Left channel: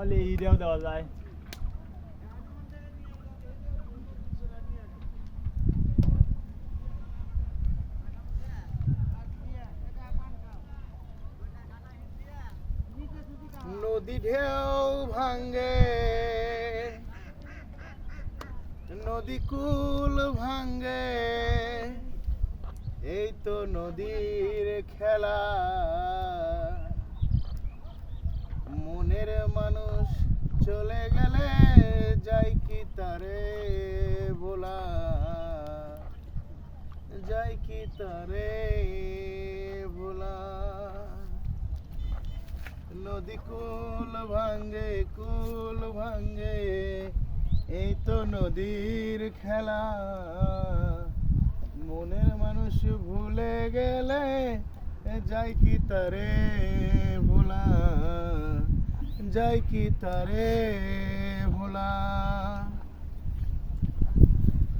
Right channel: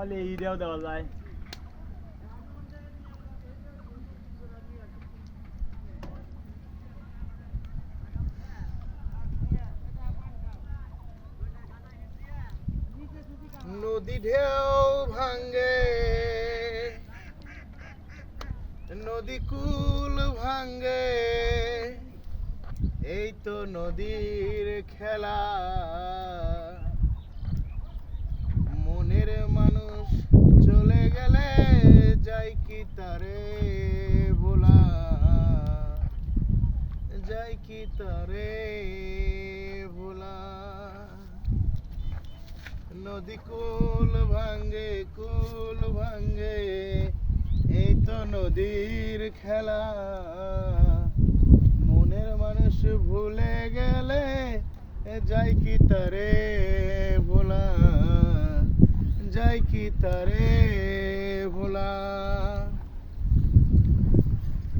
হলে হিরেও দেওয়া যায়। নদী ঢেউ ভাঙ্গে, নদী কুল ভাঙ্গে, এই তো নদীর খেলা। মনের মানুষ চলে গেলে যাই কি তারে বলা, যাই কি তারে বলা। নদী কুল ভাঙ্গে, কুল ভাঙ্গে, এই তো নদীর খেলা। মনের মানুষ ভুলে গেলে যাই কি তারে ভোলা, যাই কি তারে